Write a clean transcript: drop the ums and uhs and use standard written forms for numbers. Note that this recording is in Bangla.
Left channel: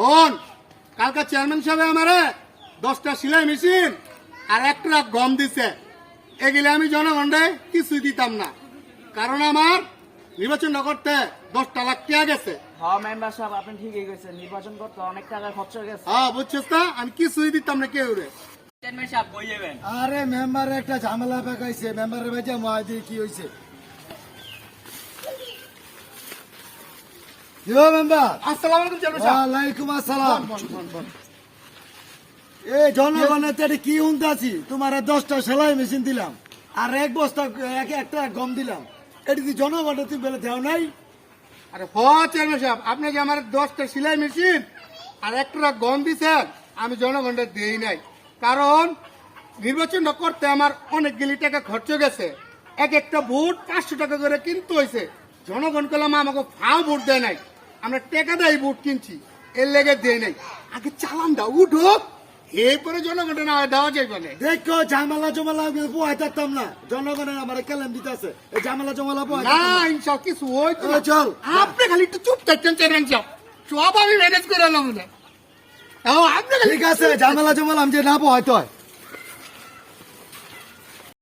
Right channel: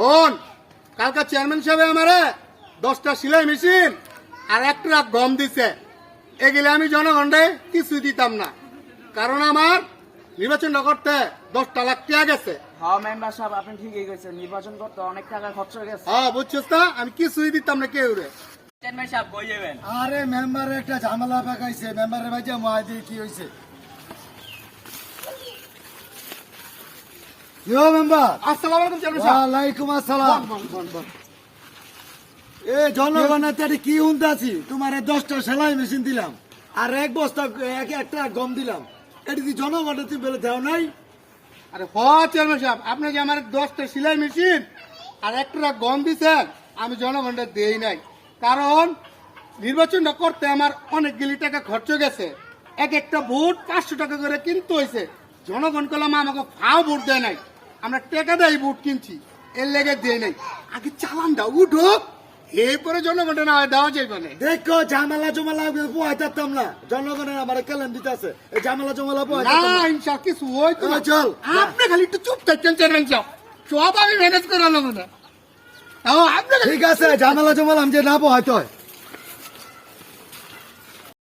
হন কালকা চেয়ারম্যান সাহেব আমারে 10টা সেলাই মেশিন আর 1 ট্রাক গম দিছে। এগুলো আমি জনগণে কিছুই দিতাম না, কারণ আমার নির্বাচন না করতে 10 লাখ টাকা গেছে। হ্যাঁ মেম্বার সাহেব আপনি ঠিকই কইছেন, নির্বাচন করতে অনেক টাকা খরচ হয়ে গেছে। হ্যাঁ বুঝছিস না, আমি কিছুই দিতাম না কেউ রে। চেয়ারম্যান সাহেব কই যাবেন? আরে মেম্বারের একটা ঝামেলা পাকাইছে, মেম্বারের ভাই মাইদি কি হয়েছে? মেম্বার আসসালামু আলাইকুম চেয়ারম্যান সাহেব। ওয়ালাইকুম আসসালাম। এই জনগণের তাতে কি উন্দাছি, তোমার 10টা সেলাই মেশিন দিলাম আর 1 বস্তা একটা গম দিলাম, এটা কি জনগণের তুমি বেলে দেও নাই? আরে হ চেয়ারম্যান সাহেব, আপনি যে আমার 10টা সেলাই মেশিন আর 1 ট্রাক গম দিছেন, আমি জনগণকে দেই নাই, কারণ নির্বাচনটা করতে আমার অনেকগুলি টাকা খরচ গেছে। এক একটা ভোট 500 টাকা করে কিনতে হয়েছে। জনগণ কলাম আমাকে ফাও ভোট দেয় নাই, আমরা টাকা দেয় ভোট কিনছি, এর লেগে দেই নাই। আগে চালান দাও উঠুক, এরপরে জনগণের না দেওয়া যাইবে না। দেখো ঝামেলা জমালা পোহাই থাকতাম না, জনগণের আমার কেলেন দিতে আছে, এই ঝামেলা জমালা পোহাই না ইনশাল্লাহ কিছু হইতো না। চল আপনি খালি একটু চুপ থাকতেন চেয়ারম্যান সাহেব, সব আমি ম্যানেজ করে আনলাম না। আপনি খালি- ঠিক আছে, ঝামেলা জমালা আমি যে না পোহাইতে হয়